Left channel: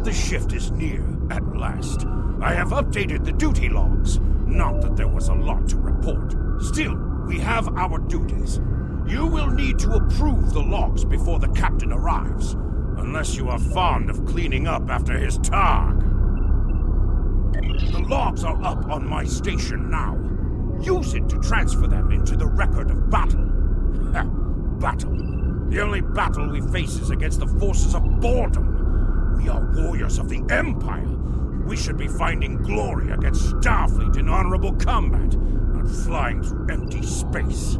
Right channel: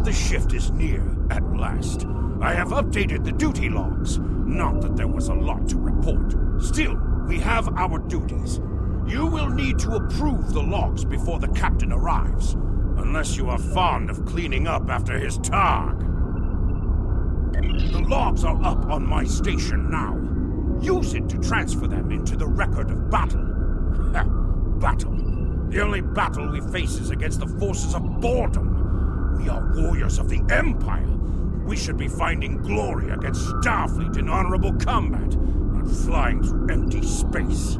of the shift is near, at last. I have updated the duty logs. Not that there was a lot to report. Still, we have our duties. You will need to approve the logs before the captain arrives. Unless you are fond of cleaning up after his targ. The logs are up on my station now. Use it to transfer them into the record of battle. Battle. The only battle we face is against the forces of boredom. We are warriors of the Empire. We should be finding glory against Starfleet in honorable combat, not flying through empty space.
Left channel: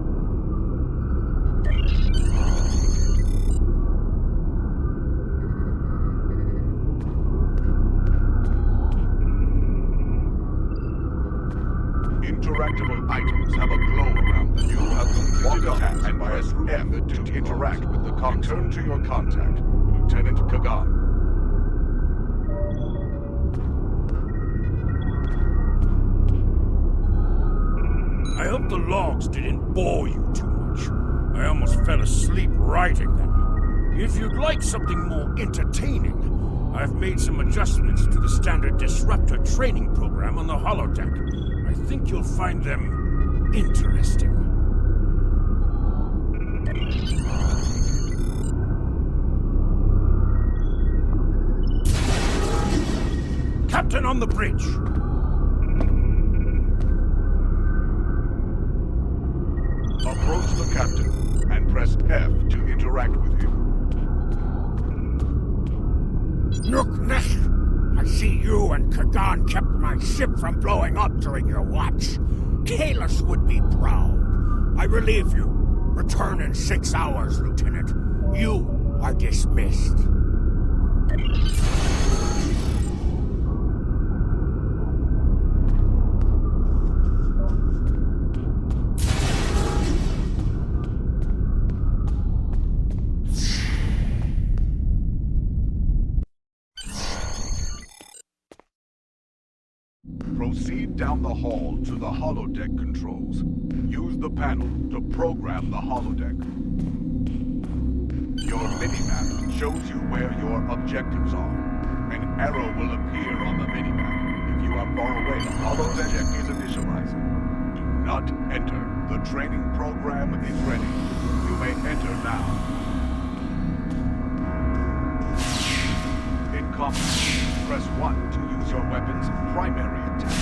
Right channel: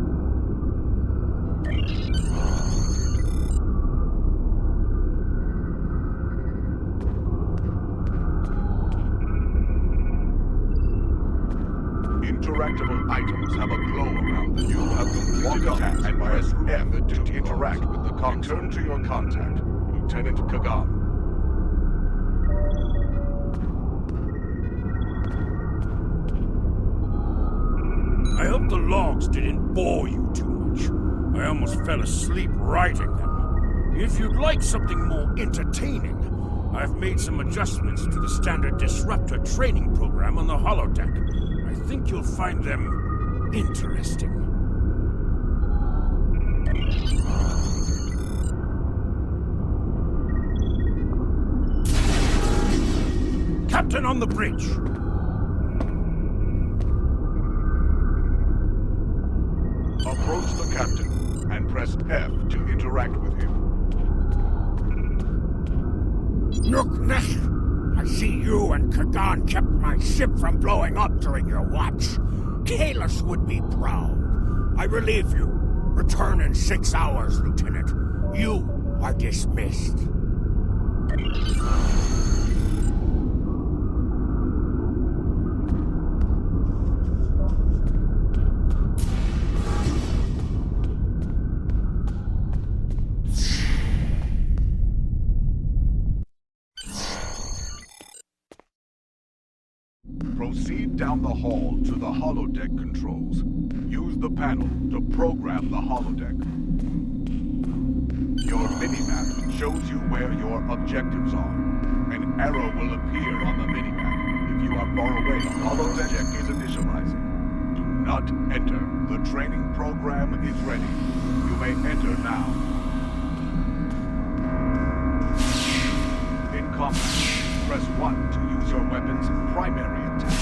Interactable items have a glow around them. You have completed a task and press F to interact with the console. Return to your contact, Lieutenant Kagan. I hope the logs didn't bore you too much. I almost fell asleep writing them. If you'd like something more entertaining, I've made some adjustments to the standard Disruptor training program on the holodeck. I think you'll find them interesting. Captain on the bridge! Approach the captain and press F to interact with him. Nook, I see you and Kagan kept my ship from blowing up during your watch. Kahless would be proud. I relieve you. Return in 6 hours, Lieutenant. You are dismissed. Proceed down the hall to the holodeck controls. Use the panel to program the holodeck. Your minimap shows you where your objectives are. An arrow will appear on the minimap. If you are far away, the holodeck is initializing. Do not enter. The training program is ready. You may enter now. In combat, press 1 to use your weapon's primary attack,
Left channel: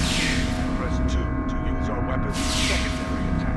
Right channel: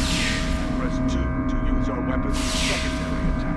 and press 2 to use your weapon's secondary attack.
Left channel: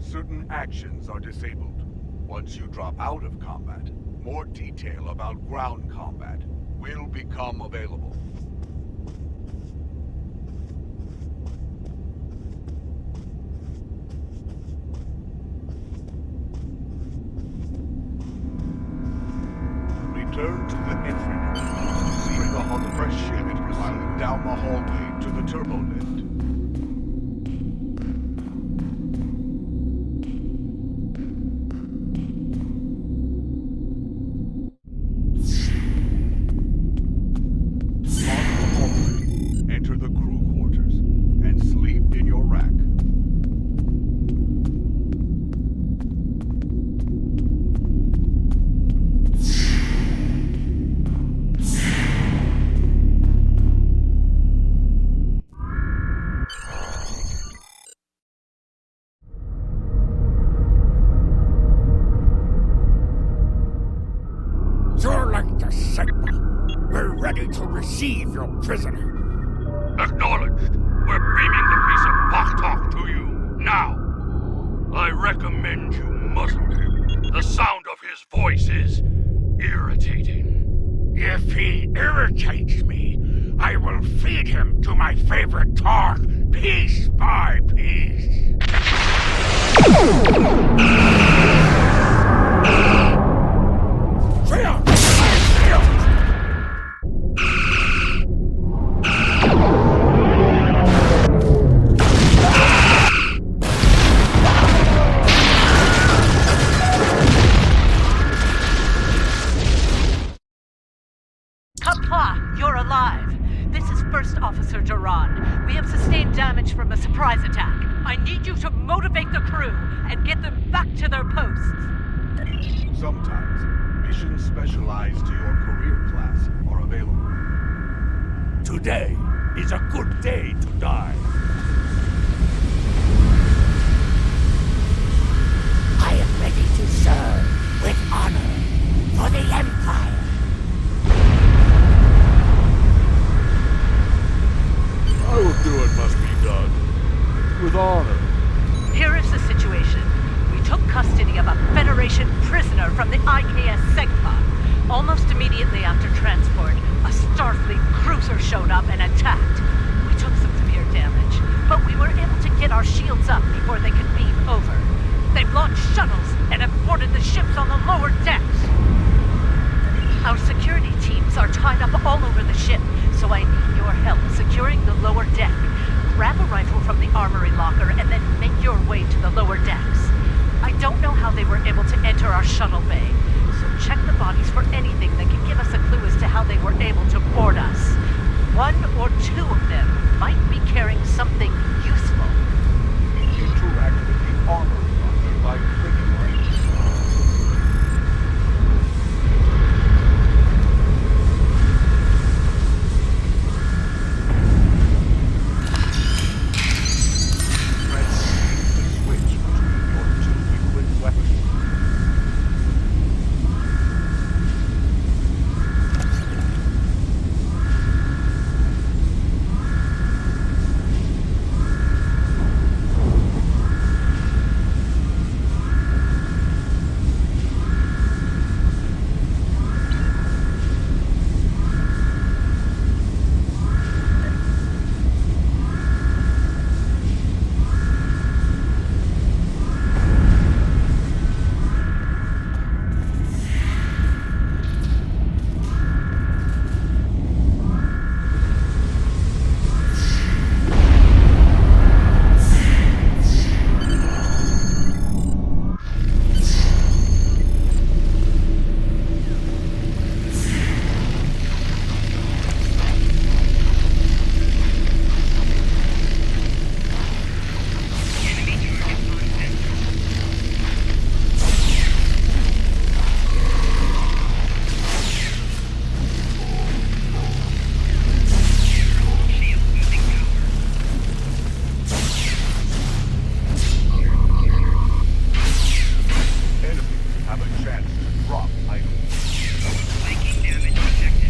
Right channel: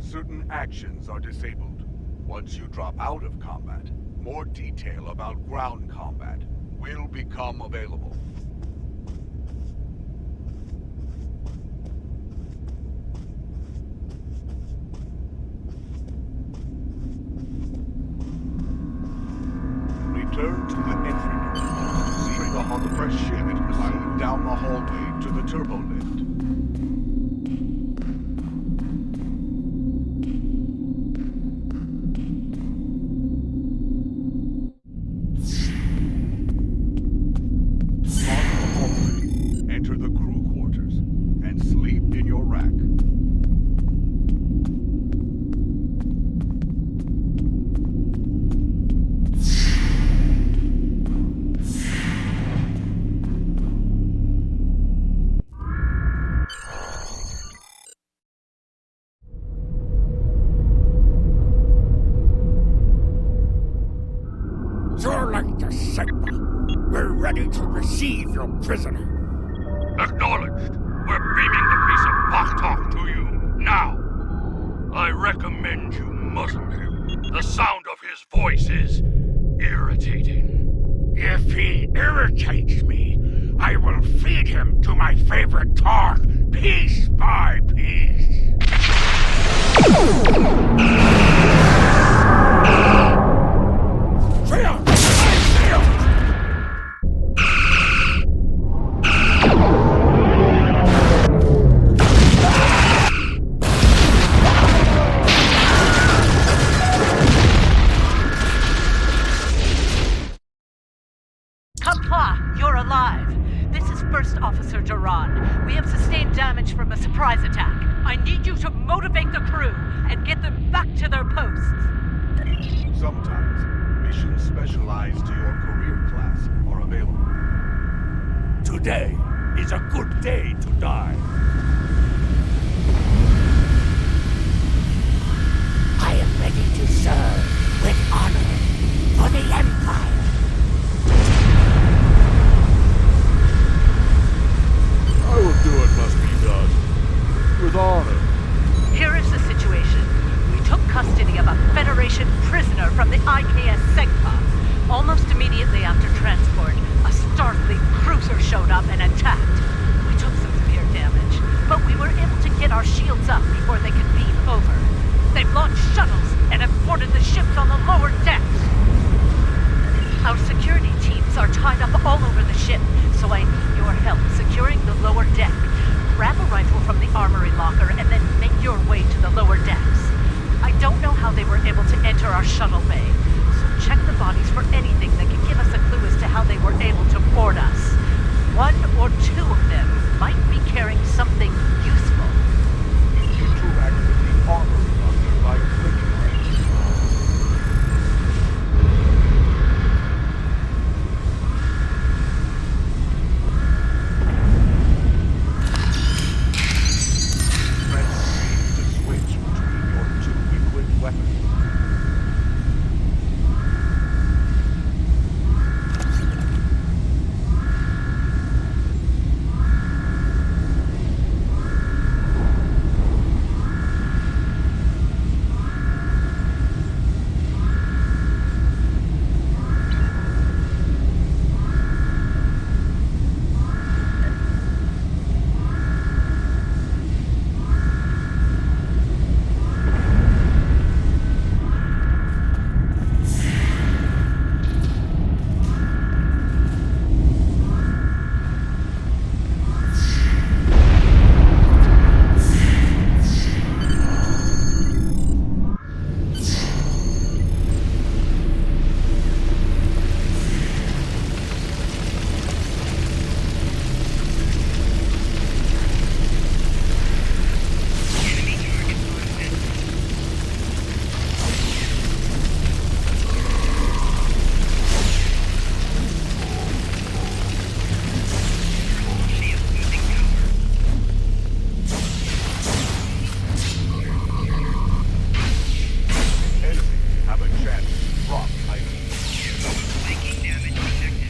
Certain actions are disabled. Once you drop out of combat, more detail about ground combat will become available. Return to the entry door. See the holodeck ship and proceed down the hallway to the turbo lift. Enter the crew quarters and sleep in your rack. You're like the Sigma. We're ready to receive your prisoner. Acknowledged. We're beaming the piece of Bachtalk to you, now. I recommend you muzzle him. The sound of his voice is irritating. If he irritates me, I will feed him to my favorite targ, piece by piece. Shield! Shield! Compla, you're alive. This is First Officer Duran. We have sustained damage from a surprise attack. I need you to motivate the crew and get them back to their posts. Sometimes, missions specialized to your career class are available. Today is a good day to die. I am ready to serve with honor for the Empire. I will do what must be done. With honor. Here is the situation. We took custody of a Federation prisoner from the IKS Segpa. Almost immediately after transport, a Starfleet cruiser showed up and attacked. We took some severe damage, but we were able to get our shields up before they could beam over. They've launched shuttles and have boarded the ships on the lower decks. Our security teams are tied up all over the ship, so I need your help securing the lower deck. Grab a rifle from the armory locker and then make your way to the lower decks. I don't know how they were able to enter our shuttle bay, so check the bodies for anything that can give us a clue as to how they were able to board us. One or two of them might be carrying something useful. Interact with the armory locker by clicking on it. Press C to switch between your two equipped weapons. Have a chance to drop items. Flanking damage detected.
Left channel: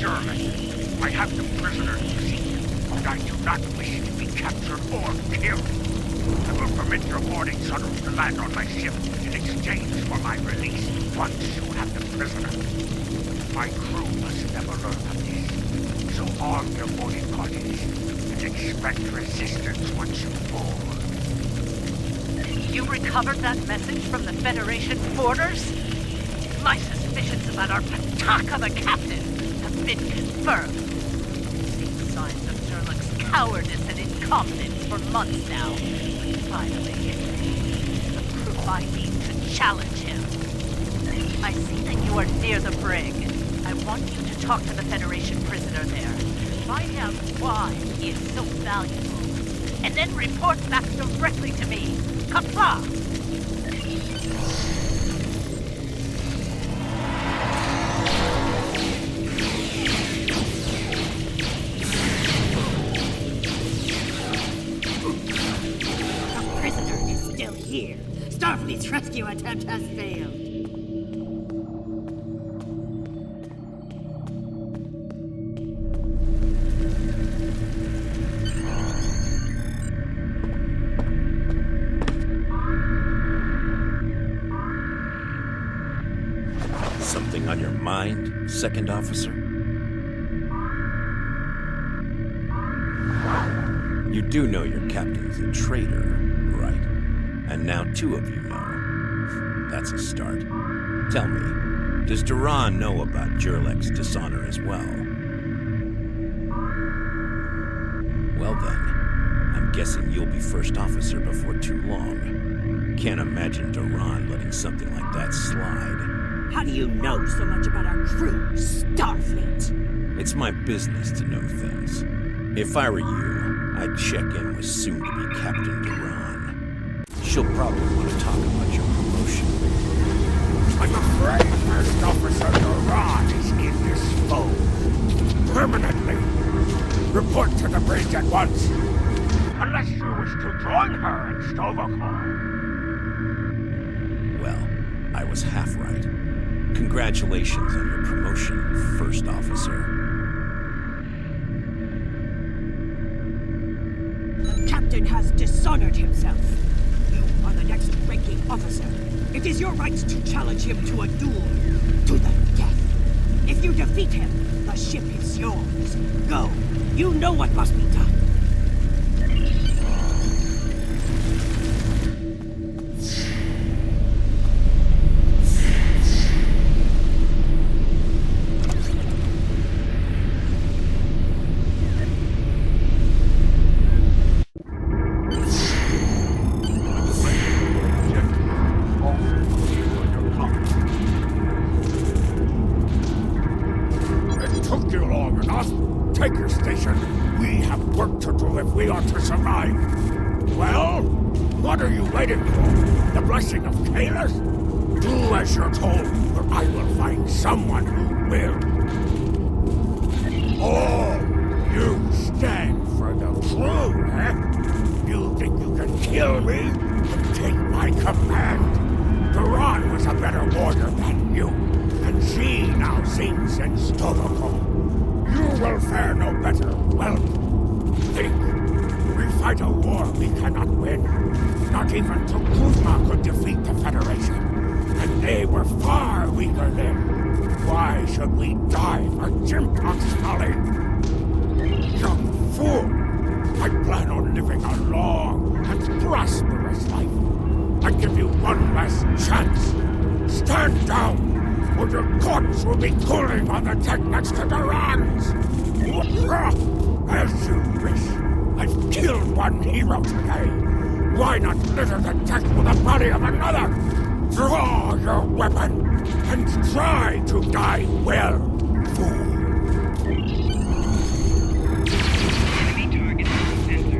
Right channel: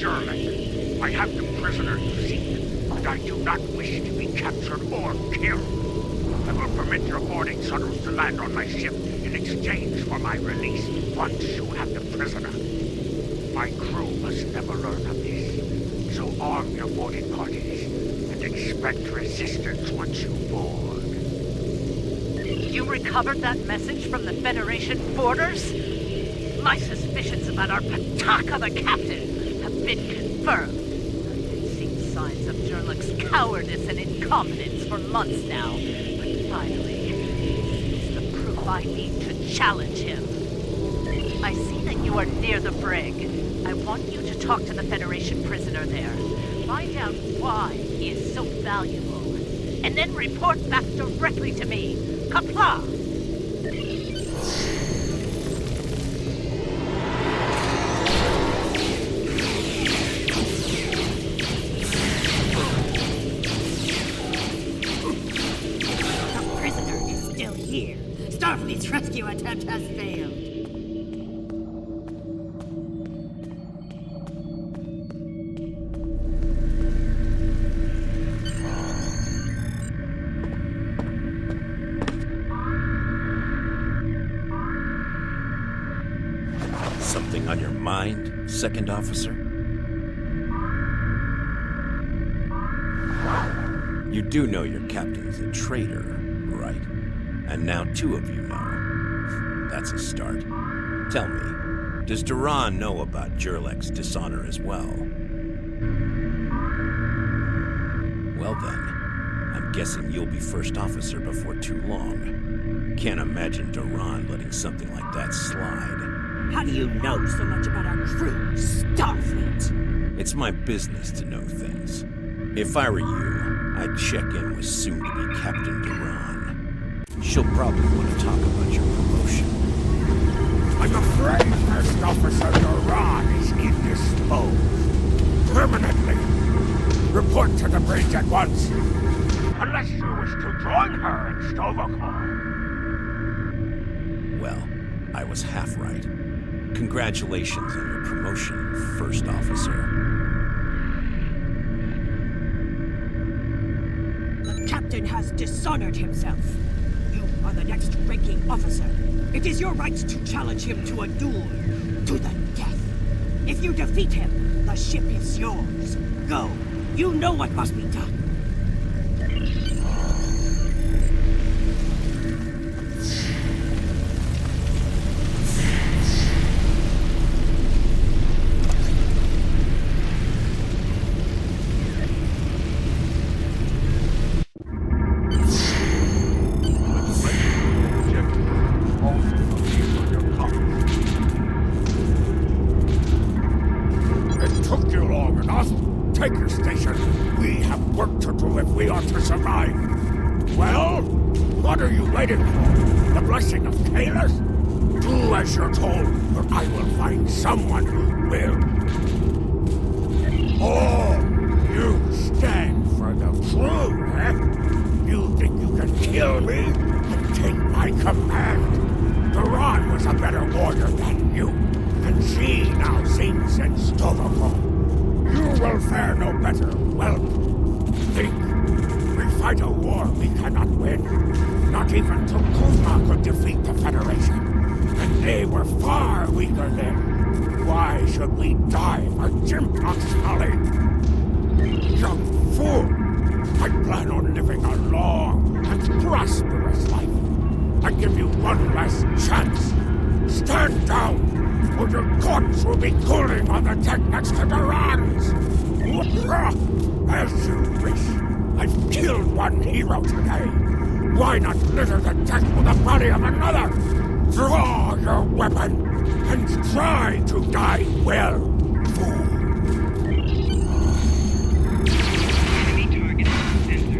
Surely, I have the prisoner you seek, but I do not wish to be captured or killed. I will permit your boarding shuttles to land on my ship in exchange for my release once you have the prisoner. My crew must never learn of this, so arm your boarding parties and expect resistance once you board. You recovered that message from the Federation borders? My suspicions about our Pataka the Captain have been confirmed. I've seen signs of Jerlik's cowardice and incompetence for months now. But finally, it's the proof I need to challenge him. I see that you are near the brig. I want you to talk to the Federation prisoner there. Find out why he is so valuable. And then report back directly to me. Kapla! Here. Starfleet's rescue attempt has failed. Something on your mind, Second Officer? You do know your captain's a traitor, right? And now two of you know. That's a start. Tell me, does Duran know about Jerlik's dishonor as well? Well then, I'm guessing you'll be first officer before too long. Can't imagine Duran letting something like that slide. How do you know so much about our crew, Starfleet? It's my business to know things. If I were you, I'd check in with soon-to-be Captain Duran. She'll probably want to talk about your promotion. I'm afraid First Officer Duran is indisposed. Permanently. Report to the bridge at once. Unless you wish to join her in Stovokol. Well, I was half right. Congratulations on your promotion, First Officer. The captain has dishonored himself. You are the next ranking officer. It is your right to challenge him to a duel, to the death. If you defeat him, the ship is yours. Go. You know what must be done. Take your station. We have work to do if we are to survive. Well, what are you waiting for? The blessing of Kalis? Do as you're told, or I will find someone who will. Oh, you stand for the crew, eh? You think you can kill me and take my command? Duran was a better warrior than you, and she now sings in Stovokol. You will fare no better. Well, think. We fight a war we cannot win. Not even Tukuma could defeat the Federation. And they were far weaker then. Why should we die for Jimpock's folly? Young fool! I plan on living a long and prosperous life. I give you one last chance. Stand down! Or your corpse will be cooling on the deck next to Duran's! As you wish. I've killed one hero today. Why not litter the deck with the body of another? Draw your weapon and try to die well, fool. Enemy target sensors.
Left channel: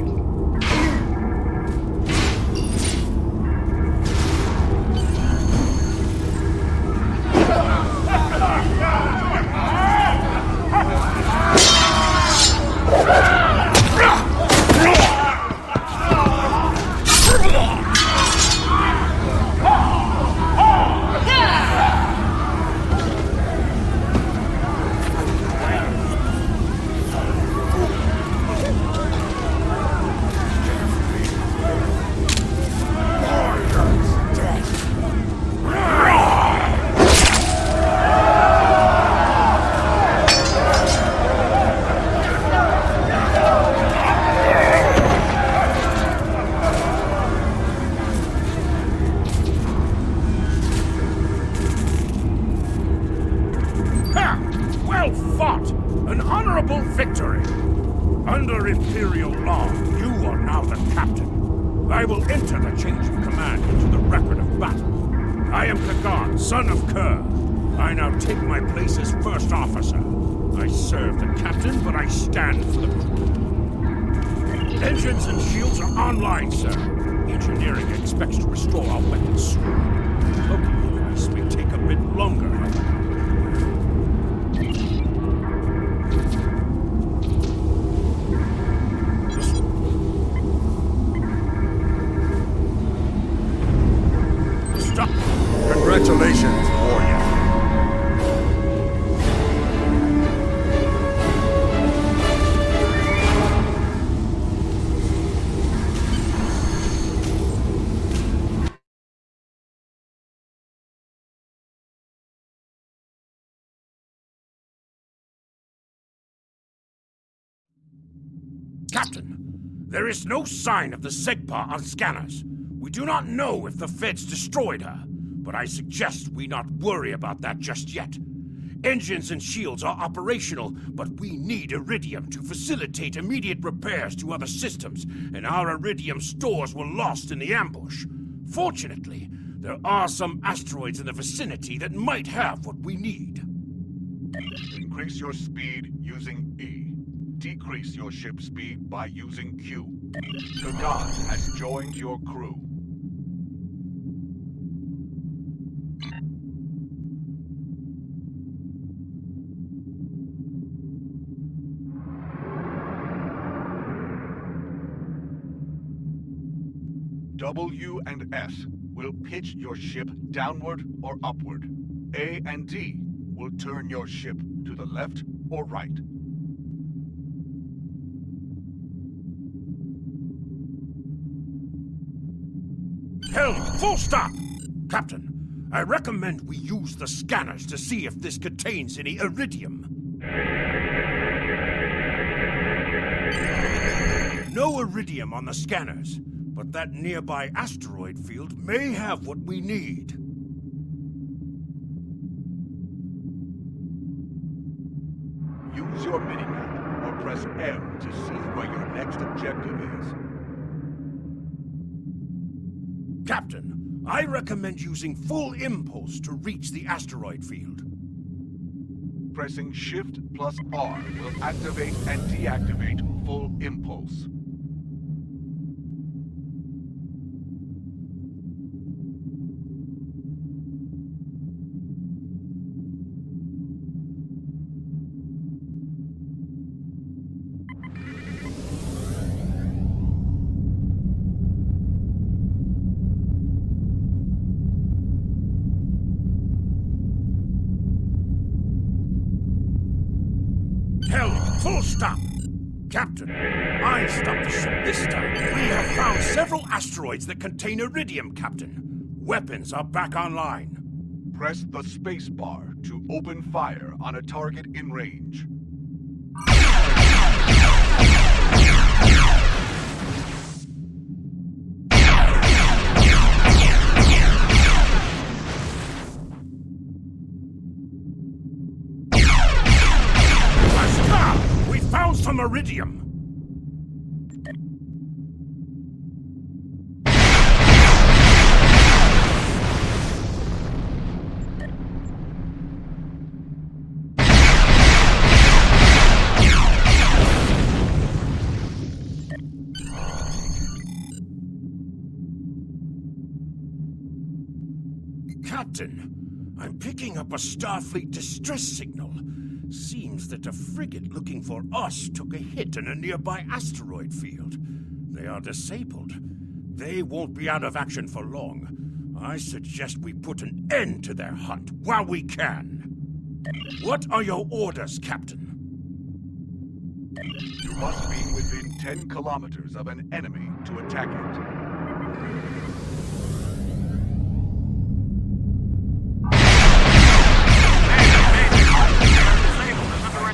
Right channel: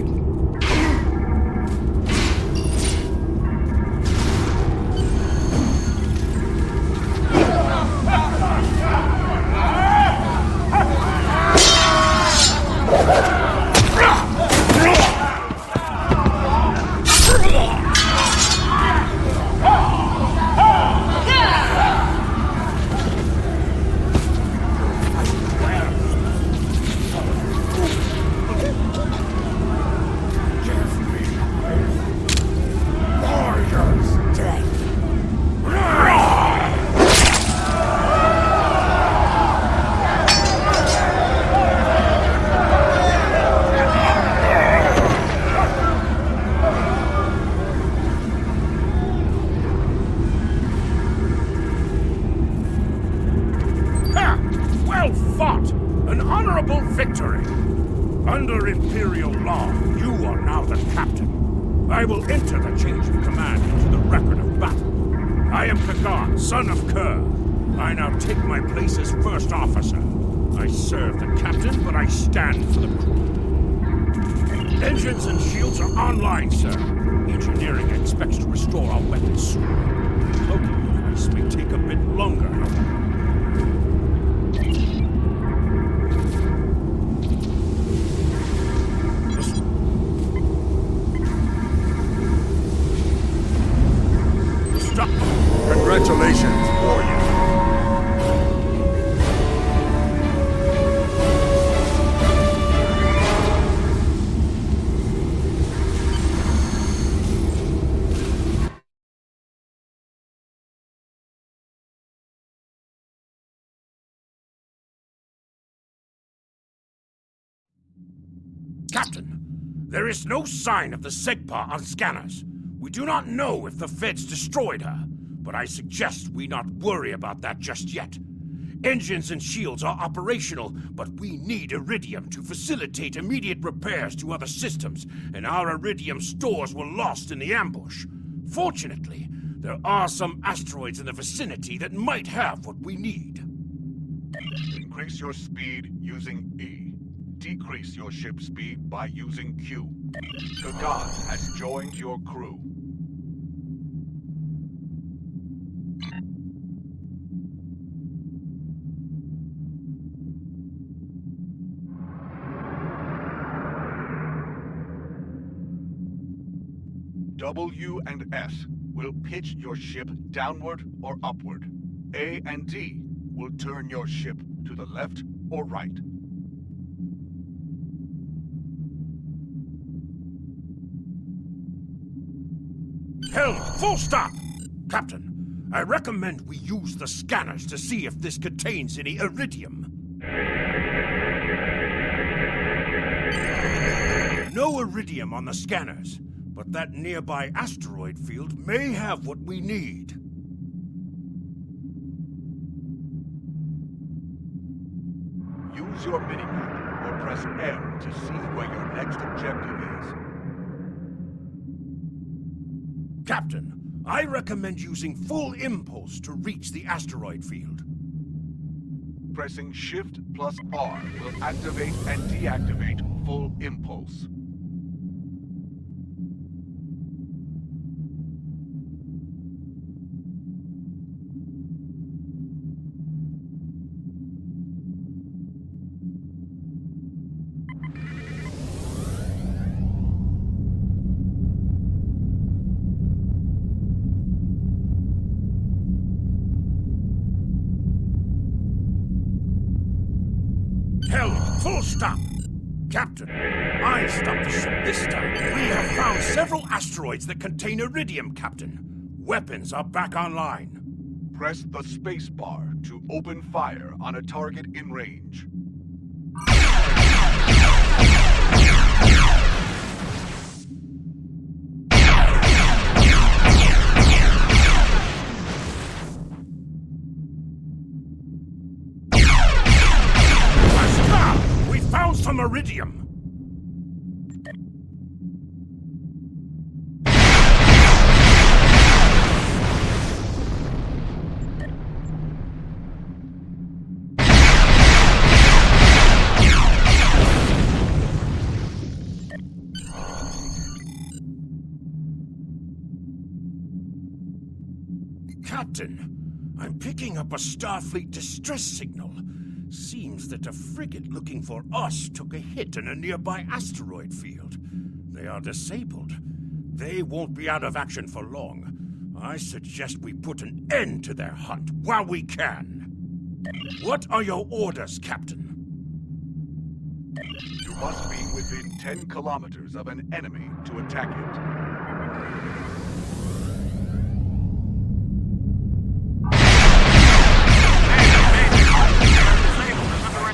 Under Imperial law, you are now the captain. I will enter the change of command into the record of battle. I am Kagan, son of Kerr. I now take my place as first officer. I serve the captain, but I stand for the crew. Engines and shields are online, sir. Engineering expects to restore our weapons soon. Cloaking device may take a bit longer, however. Congratulations, warrior. Captain, there is no sign of the Segpa on scanners. We do not know if the Feds destroyed her, but I suggest we not worry about that just yet. Engines and shields are operational, but we need Iridium to facilitate immediate repairs to other systems, and our Iridium stores were lost in the ambush. Fortunately, there are some asteroids in the vicinity that might have what we need. Increase your speed using E. Decrease your ship speed by using Q. Kagan has joined your crew. W and S will pitch your ship downward or upward. A and D will turn your ship to the left or right. Helm, full stop! Captain, I recommend we use the scanners to see if this contains any Iridium. No Iridium on the scanners, but that nearby asteroid field may have what we need. Use your minimap or press M to see where your next objective is. Captain, I recommend using full impulse to reach the asteroid field. Pressing Shift plus R will activate and deactivate full impulse. Helm, full stop! Captain, I stopped the ship this time. We have found several asteroids that contain Iridium, Captain. Weapons are back online. Press the space bar to open fire on a target in range. We found some Iridium! Captain, I'm picking up a Starfleet distress signal. Seems that a frigate looking for us took a hit in a nearby asteroid field. They are disabled. They won't be out of action for long. I suggest we put an end to their hunt while we can. What are your orders, Captain? You must be within 10 kilometers of an enemy to attack it.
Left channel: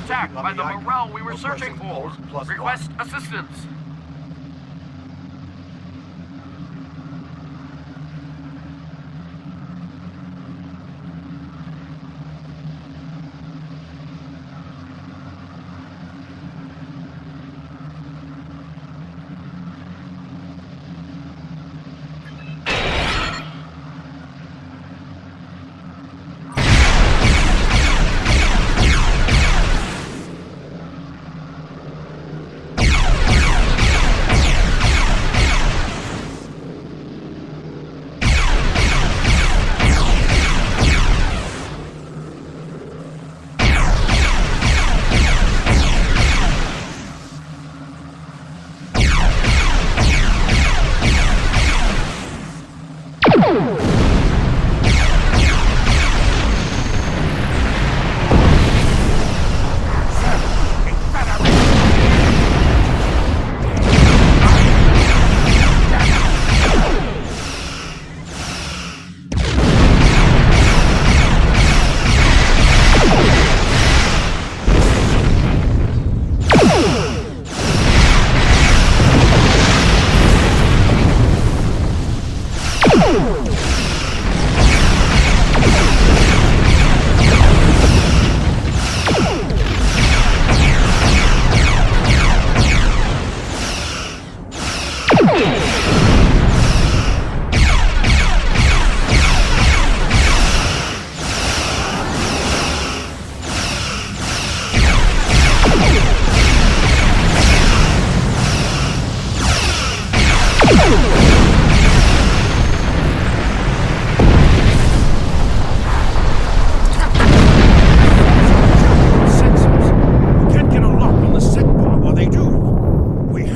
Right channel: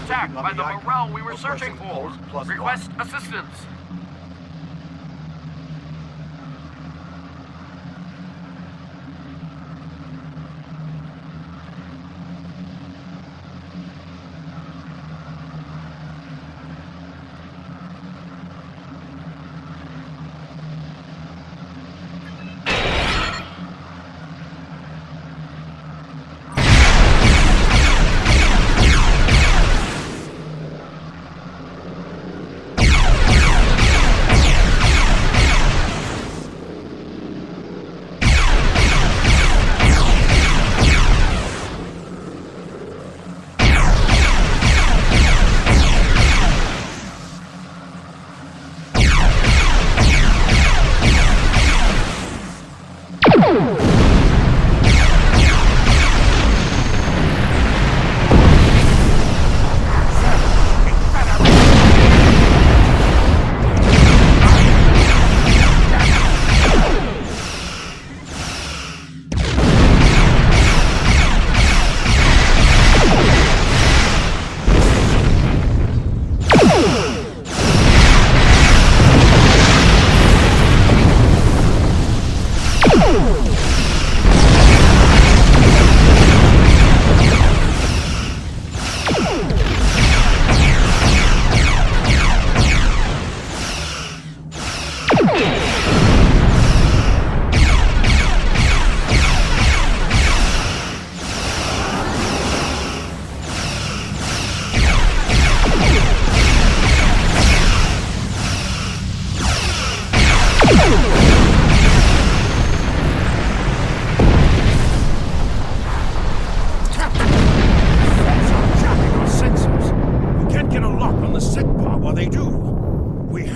Attacked by the morale we were searching for. Request assistance.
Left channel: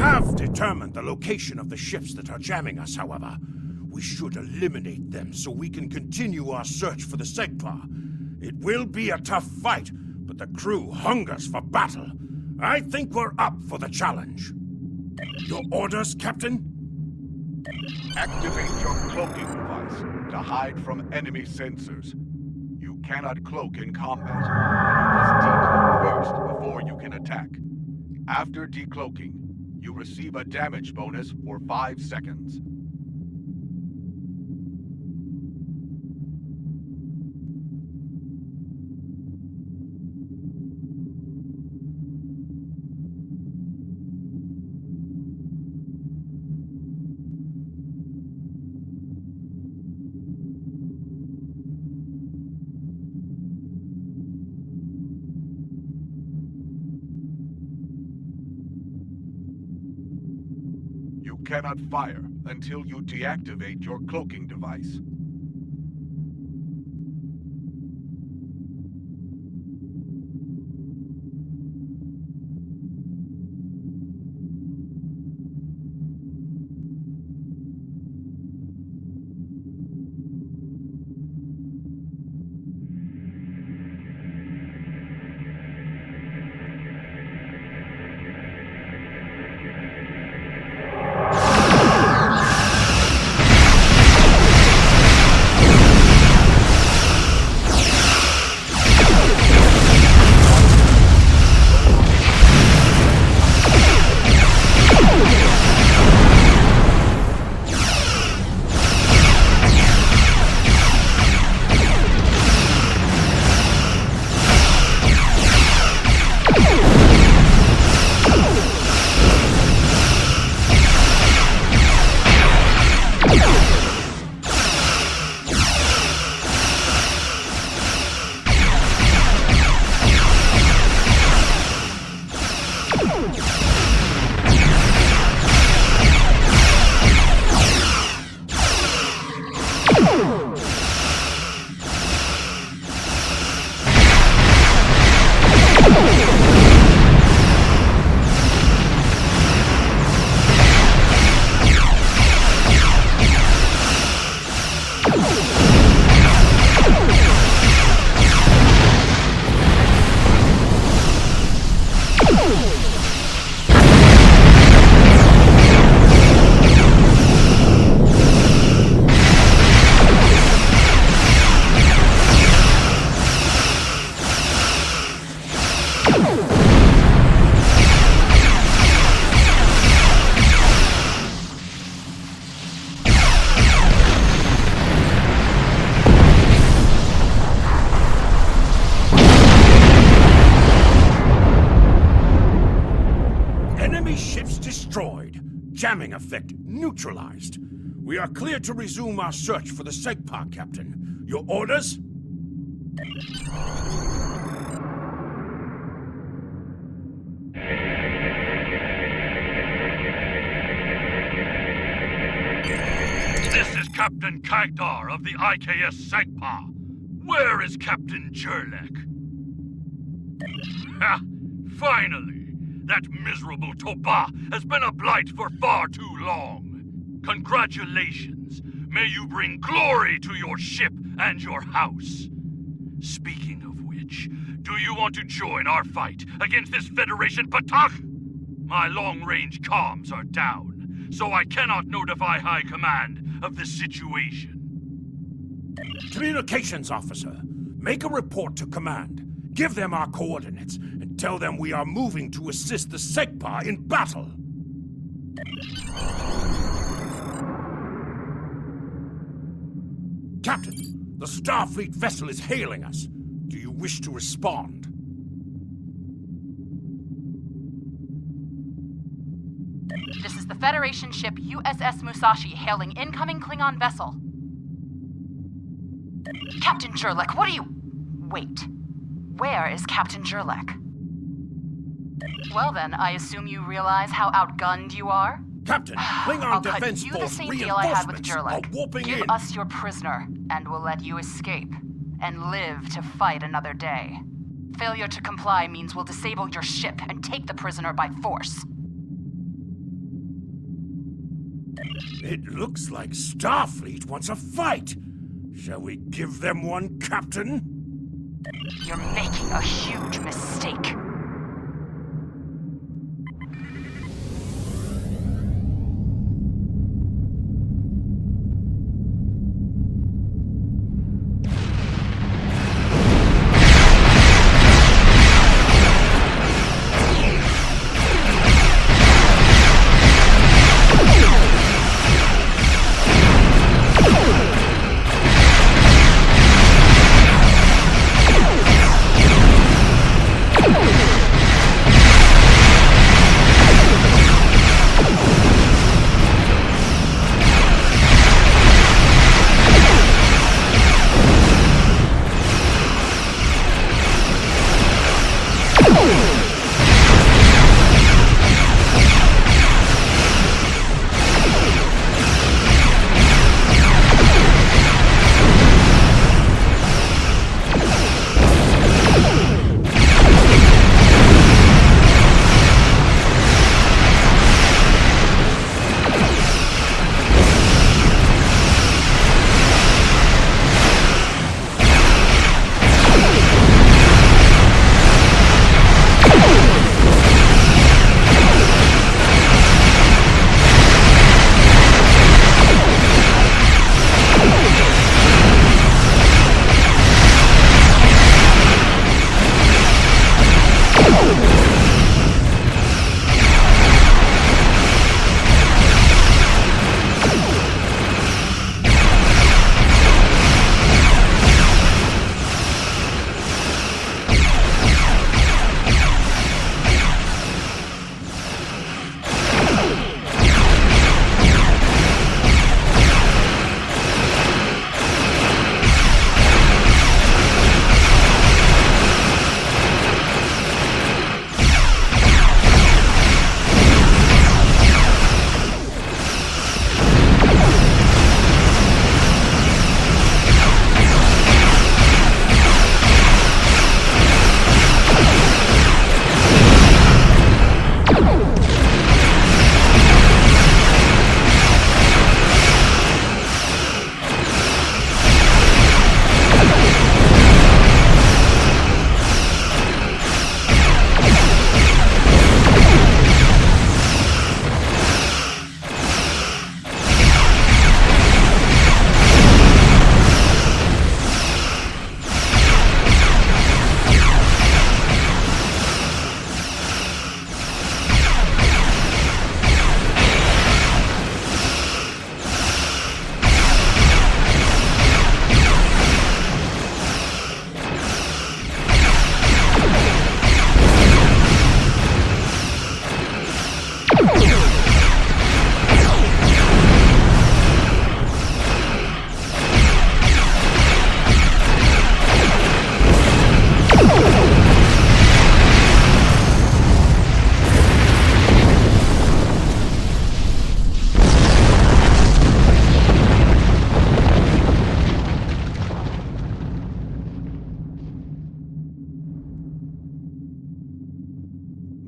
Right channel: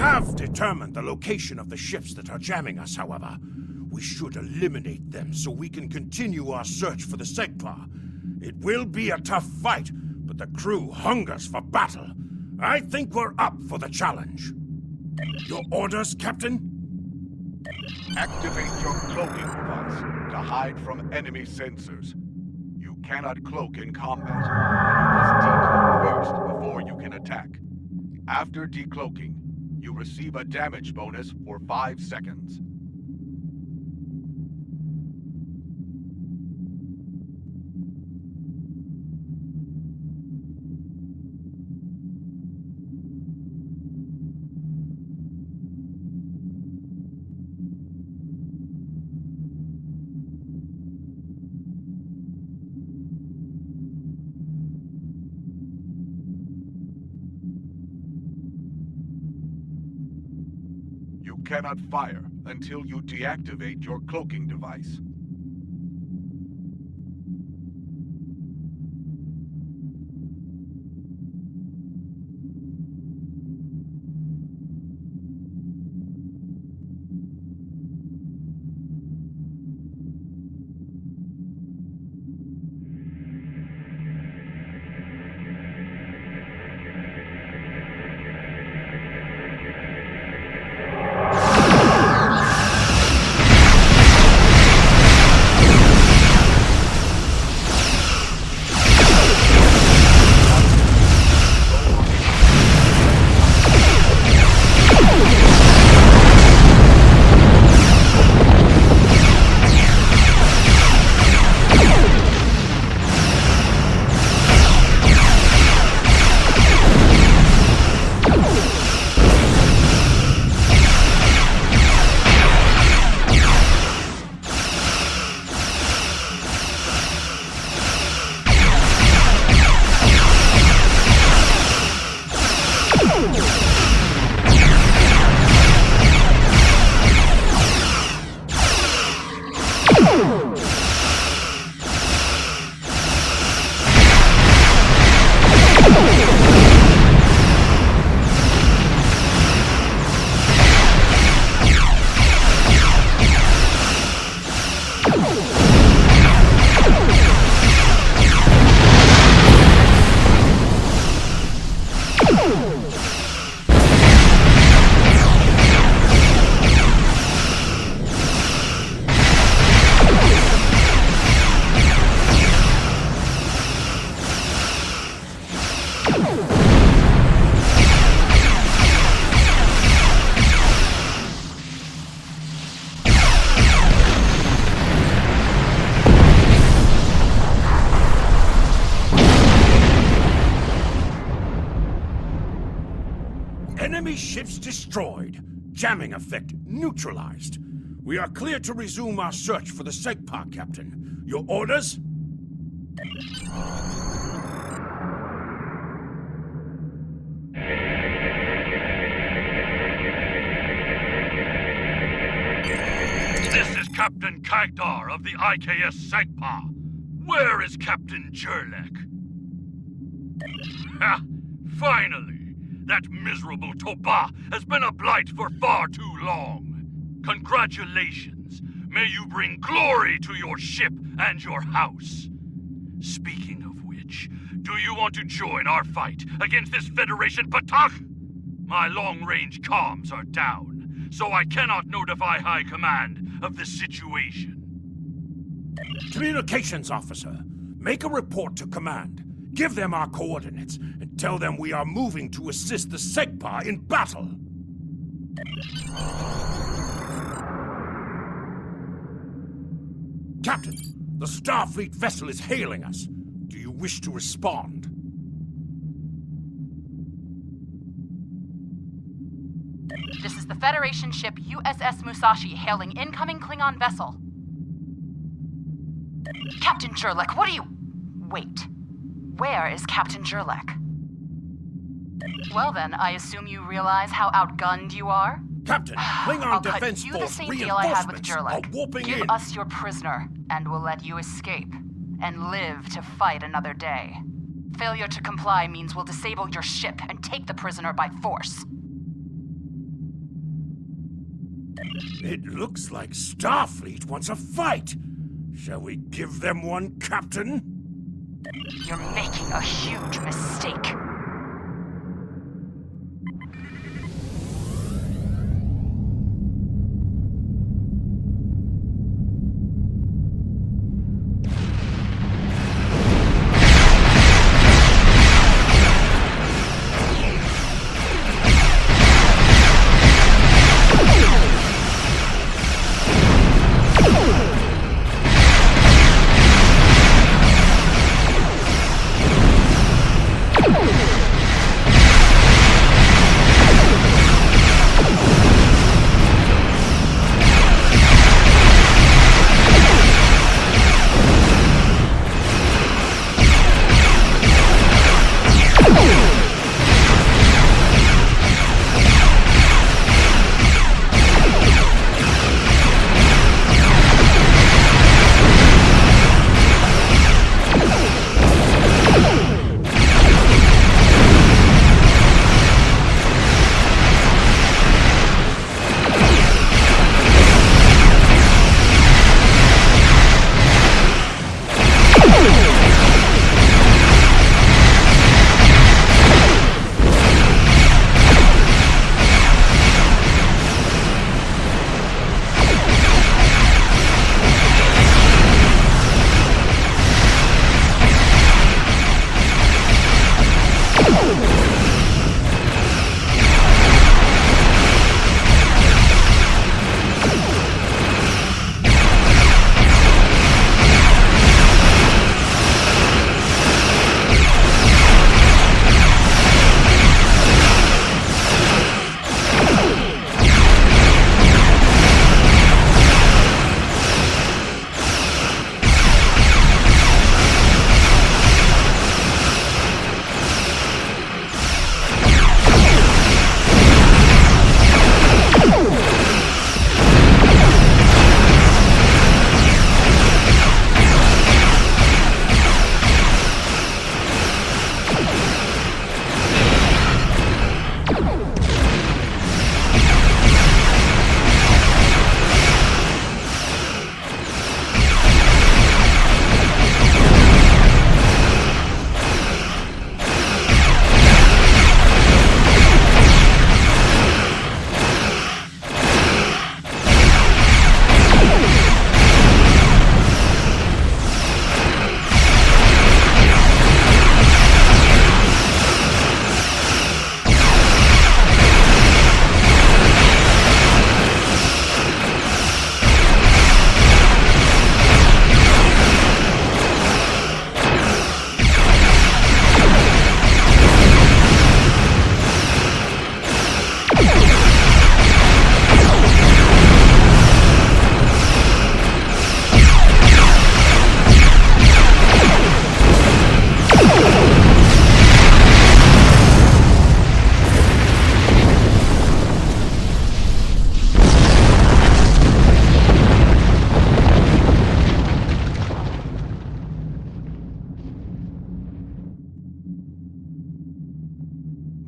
have determined the location of the ships that are jamming us, however. We should eliminate them so we can continue our search for the Segpa. It will be a tough fight, but the crew hungers for battle. I think we're up for the challenge. Your orders, Captain? Activate your cloaking device to hide from enemy sensors. You cannot cloak in combat, and you must decloak first before you can attack. After decloaking, you receive a damage bonus for 5 seconds. You cannot fire until you deactivate your cloaking device. Destroyed. Jamming effect neutralized. We are clear to resume our search for the Segpa, Captain. Your orders? This is Captain Kagdar of the IKS Segpa. Where is Captain Jurlek? Ha! Finally! That miserable Toba has been a blight for far too long. Congratulations. May you bring glory to your ship and your house. Speaking of which, do you want to join our fight against this Federation Patak? My long-range comms are down, so I cannot notify High Command of the situation. Communications officer, make a report to Command. Give them our coordinates, and tell them we are moving to assist the Segpa in battle. Captain, the Starfleet vessel is hailing us. Do you wish to respond? This is the Federation ship USS Musashi hailing incoming Klingon vessel. Captain Jurlek, what are you... Wait. Where is Captain Jurlek? Well then, I assume you realize how outgunned you are? Captain, Klingon Defense Force reinforcements are warping in. Give us your prisoner, and we'll let you escape, and live to fight another day. Failure to comply means we'll disable your ship and take the prisoner by force. It looks like Starfleet wants a fight. Shall we give them one, Captain? You're making a huge mistake.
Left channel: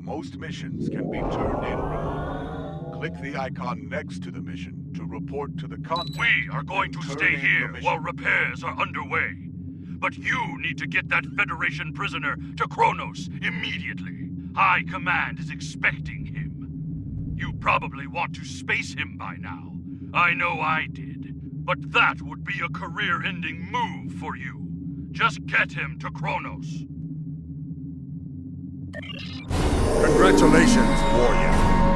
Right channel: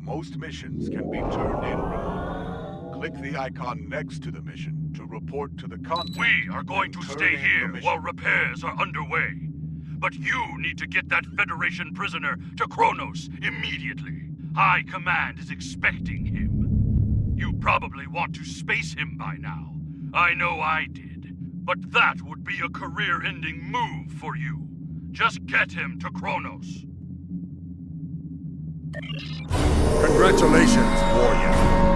Most missions can be turned in remotely. Click the icon next to the mission to report to the contact. We are going to stay here while repairs are underway. But you need to get that Federation prisoner to Kronos immediately. High Command is expecting him. You probably want to space him by now. I know I did. But that would be a career-ending move for you. Just get him to Kronos. Congratulations, warrior.